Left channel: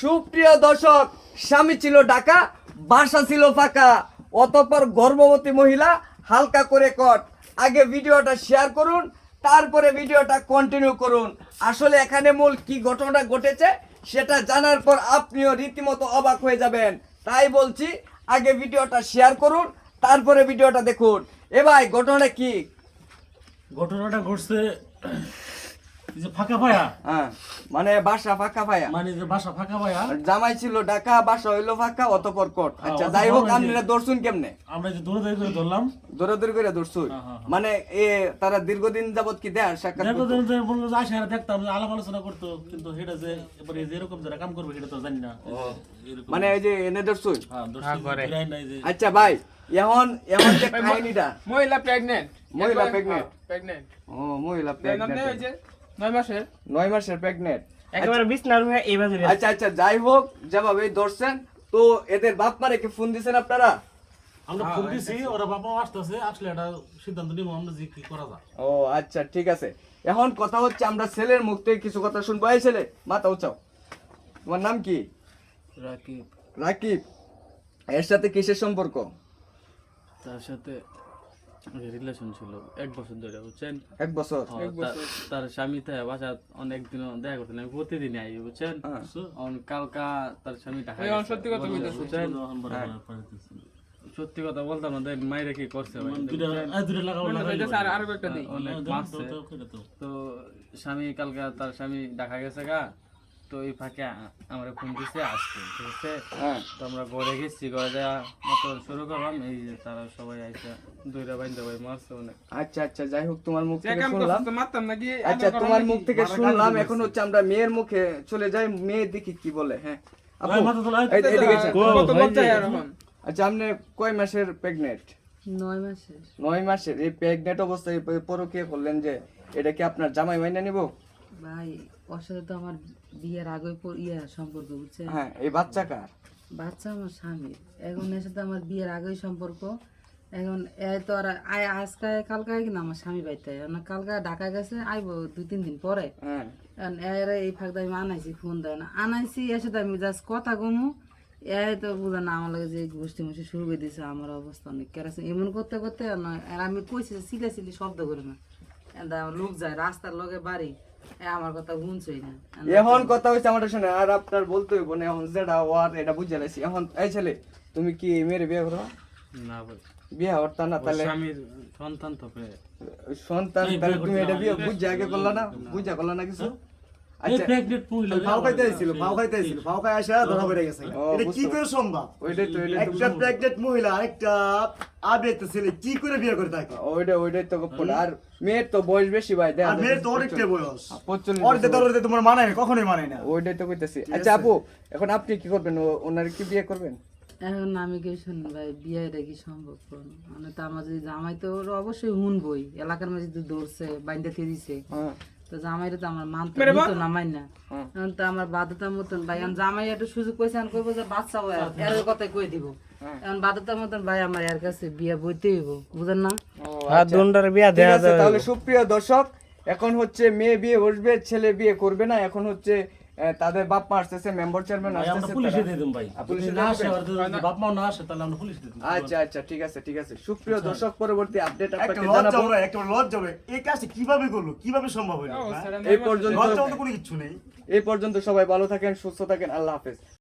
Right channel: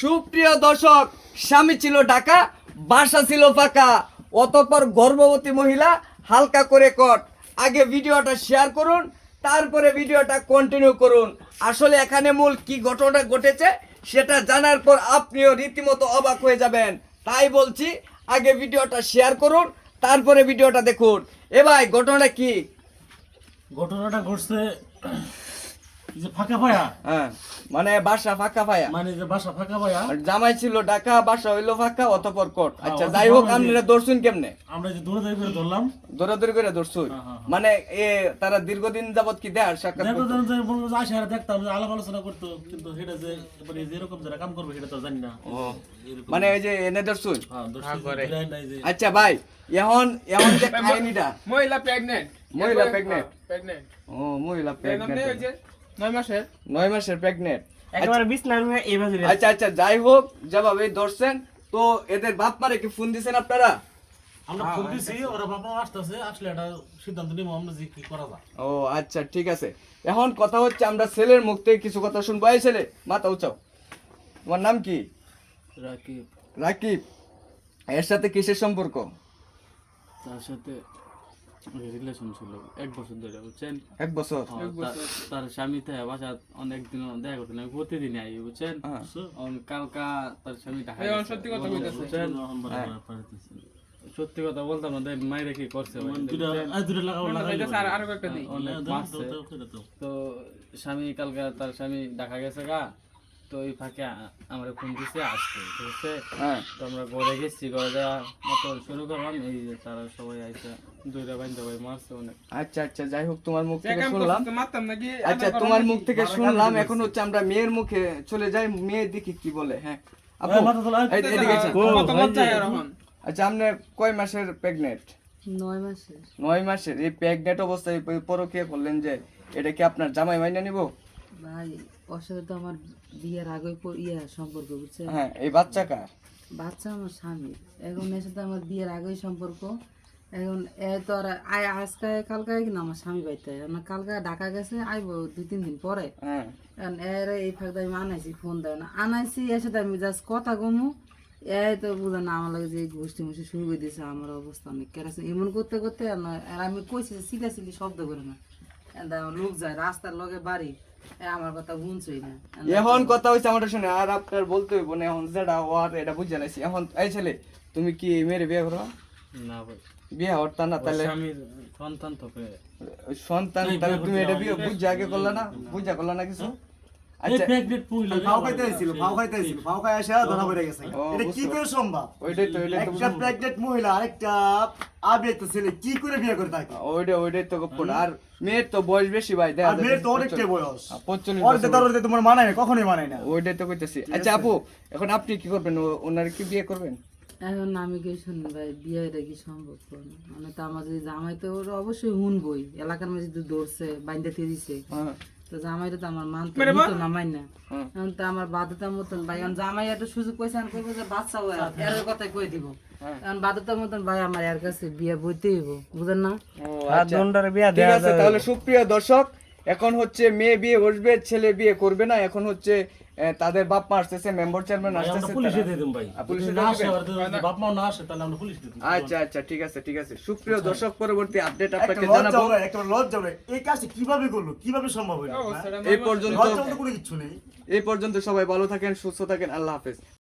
সুপ্রিয় দর্শক, স্বামী ছিল ঢাকা, বাসা ছিল ফাঁকা, অতঃপর গর্ভবতী মহিলা হালকা করে কট। আগে ভিডিওটা শেয়ার করুন, তারপরে ভিডিওটা কন্টিনিউ করুন। আসলে এখানে মূল কি ঘটনা ঘটেছে সেটা জানার পর আপনিও রীতিমতো অবাক হয়ে যাবেন। তাই বলছি আগে ভিডিওটা শেয়ার করুন, তারপরে ভিডিওটা দেখুন। এ ভাই, ঘটনাটা কি? ঘটনাটা ঘটছে এই যে ফাঁকা পায়া, হ্যাঁ, মানে বাসা ফাঁকা পায়া, মানে যে বাসা ফাঁকা পায়া, আর জামাই ছিল ঢাকা, বাসা হইলো ফাঁকা, অতঃপর কোট। আচ্ছা, অতঃপর যাই হোক, ওই যে- আপনারা দর্শন কেমনে? আমরা যে দৌড়ে করে ধরলাম। দৌড়াদৌড়ি করে দর্শন, হ্যাঁ, হ্যাঁ, হ্যাঁ। মানে তারা দীর্ঘদিন যাবত কি দেয় সাক্ষাৎ দেখো করতো? বলবো যে আসে আর দেখতাম যে আলাপ আলোচনা করতো, কিন্তু সেটা যে এবারে যেরকম যারা কাম করবে সেটা তো জানি না। এরকম- মানে এই যে এনে দর্শন। হ্যাঁ, দর্শক ফিরাই নাই যে আচ্ছা ভাই, এখন এখন যে কাহিনীটা, মহিলা প্রেগনেন্ট মহিলা pregnant? প্রেগনেন্ট ও মহিলা প্রেগনেন্ট নেই ওই প্রেগনেন্ট, যে 9 মাসের 9 মাসের প্রেগনেন্ট। একেবারে বিছনার রুমে এইভাবে আচ্ছা আচ্ছা, যাই হোক, যেভাবে ধরছেন, তো এদের বাপ মারে কি ফোন দিছেন আপনারা? আমরা ফোন দিছি, ওরা বাবা আসতেছে, আসলে একটা সিদ্ধান্ত নিব আমরা যে কি করা যায়। ও আচ্ছা, ঠিক আছে। এখন কথা হচ্ছে, আমরা ছেলের মুখ থেকে কিছু কথা শুনবো। এই ছেলে, মাথা উঁচাও। তোমার নাম কি? রাকিব। রাকিব। এর সাথে কিসের সম্পর্ক? তার সাথে রিলেশন ছিল 1 বছর ধরে, বুঝছেন? 1 বছর। তার স্বামী থাকে বাসা, অনেকদিন দেখা করতে নাই, প্রতিদিন আই, বুঝছেন? হ্যাঁ। কালকা তার স্বামী ঢাকা এই গেছে, সত্যি কথা বলতেছে। বুঝছেন? এখন বড় হ্যাঁ। বড় পাইতেছি। সত্যি কথা বলতাম না, দেখ মায়ের কি করছে ভাই, দুইটা বুঝছেন? দুইটা লাগাও লাগাই স্যার আরো একটা দিই অনেক মারছে। তো স্বামী কালকা তার স্বামী দেখা গেছে গা, তো এই ফাঁকে আমার ফোন দিছে আসতে, ঠিক আছে? হ্যাঁ। তো আমরা ঘরে গেছি, ঘরে যাওয়া মতো শুরু করলাম, এই যে তারা সবাই আইসা দুইটা বাইন্দা ভাই মারছে অনেক। আচ্ছা আচ্ছা, যাই হোক, তোমার মুখ যে থেকে কাম শুনলাম। করতে মারতাম নাকি আচ্ছা, তোমার মুখ থেকে শুনলাম, এখন হচ্ছে আমরা মেয়ের মুখে চলে যাই। মেয়ে দেখি কি বলে। হ্যাঁ আপু, মাথা তোলা। এদিকে এসে। কত লজ্জায় আর এখন আচ্ছা, আপনি কয় মাসের প্রেগনেন্ট? 9 মাসের। 9 মাসের। এই প্রেগনেন্ট অবস্থায় পরকীয়া করলেন যে, এটা কি আপনার জামাই মাইনা নিব? ভাই, ওর সাথে তো আমার বিয়ের আগে সম্পর্ক, বুঝছেন? হ্যাঁ, এই বাচ্চা কার? বাচ্চা আমার স্বামীর। এখন এর সাথে আমার বিয়ের আগেই সম্পর্ক। এখন এ তো আর আজকে কালকে কিনা আমার স্বামী বাইতে, কালকে ঢাকা গেছে, আইবো 2-3 দিন পরে। হ্যাঁ। এখন এর এই ফাঁকটা আমি আনাইছি, ফোন দেয় না, আনাইছি, এর সাথে আমি জাস্ট কথা কমু, এ তো বুঝা না আমার লাগে যে গোষ্ঠী মুষ্টি শুরু করে দিয়েছে। আমার অবস্থা অনেক কেরাসিন এমন করতে করতে, আর আমি কইছি সিলা সিলি শব্দ করে না, লোক যায় রাস্তার লগে বাড়ি, আমার কথা শুনছই না। এখন কথা হচ্ছে আমাদের শুনে, আর আপনার বলতে হইব না। এখন যেটা ওর এটা বুঝে লাইছি। এখন এই ছেলে, তুমি কি মেয়ের বিয়ে করো? না ভাই, বিয়ে হরতা না? ওর তাহলে স্বামীর সন্তান তো পেয়ে। সন্তান, নাই, তাহলে বিয়ে তুমি করতে এটা না, বিয়ে এটা- বুঝে আগে করলা না? বুঝা করলা না কিছু? এই আচ্ছা, প্রেগনেন্ট মহিলা ফাও খাইতে আইছিল, ফাও খাইতে আইছিল, ফাও খাই আসা ধরা পড়ে গেছে। ও, এটা কি বুঝতে করে সম্ভব? ওইটাই তো, একটা প্রেগনেন্ট মহিলা আরেকটা আপডেট ছেলে কি করে বিয়ে করে থাকে? ওইটাই তো গোপন। আর মেয়ের তো বয়স বেশি ভাই, দেখা আর মেয়ের তো অনেকটা বয়স। 45 ওর যে বছর। তোর তোমার মানায় না, কখনোই মানায় না। ওইটাই তো কইতাছি। আচ্ছা আপু, এখন আপনি কি করবেন? ওনার কি বিয়ে করবেন? এখন আমি কি শুনুন ভাই, বিয়েটা কি সম্ভব করুন? মানে তো আমার যদি জামাই, তো ওরা অবশ্যই শুনবই, এলাকার মাঝে তো ধরছে, বাইন্দা দিয়ে দিছে, হ্যাঁ। তো জামাইটা তো আমার মানতে মেরে নিত না, মাইন না। হুম। এখন তো আমার বাধ্যতার মতন ভাই, আমি জামাই একটা সুযোগ পাইছে, আমি কইবো যে বাচ্চা হয়, এর কথাই কই দিব। এখন বাধ্যতার মতন ভাই আমার এর কাছে বিয়ে বইতে হইব, বুঝেন না? আচ্ছা, ঠিক আছে। তাহলে সুপ্রিয় দর্শক, এখন হচ্ছে মেয়ে বিয়ে বসবে, ছেলে বিয়ে করবে না। এখন হচ্ছে তাদের বাপ মা আসতেছে, মেম্বার চেয়ারম্যান আমরা আসতেছে, পুলিশে তারা- দিয়ে দিম ভাই। পুলিশে যদি না আসে, দিয়ে আর যদি বাপ মা না আসে, তাহলে আমরা পুলিশে দিয়ে দিম। আচ্ছা আচ্ছা, ঠিক আছে ঠিক আছে। সুপ্রিয় দর্শক, পরবর্তী আপডেট একটা আপনাকে লজ্জা জানাবো। হবে, একটা লজ্জা হবে। এই কাজটা কিভাবে করলো? কিভাবে সম্ভব হলো? ও, স্যার, এই পর্যন্ত লজ্জা মতো কোনো কিছু নেই। এই পর্যন্ত সবাই ভালো থাকেন, সুস্থ থাকেন। আল্লাহ হাফেজ।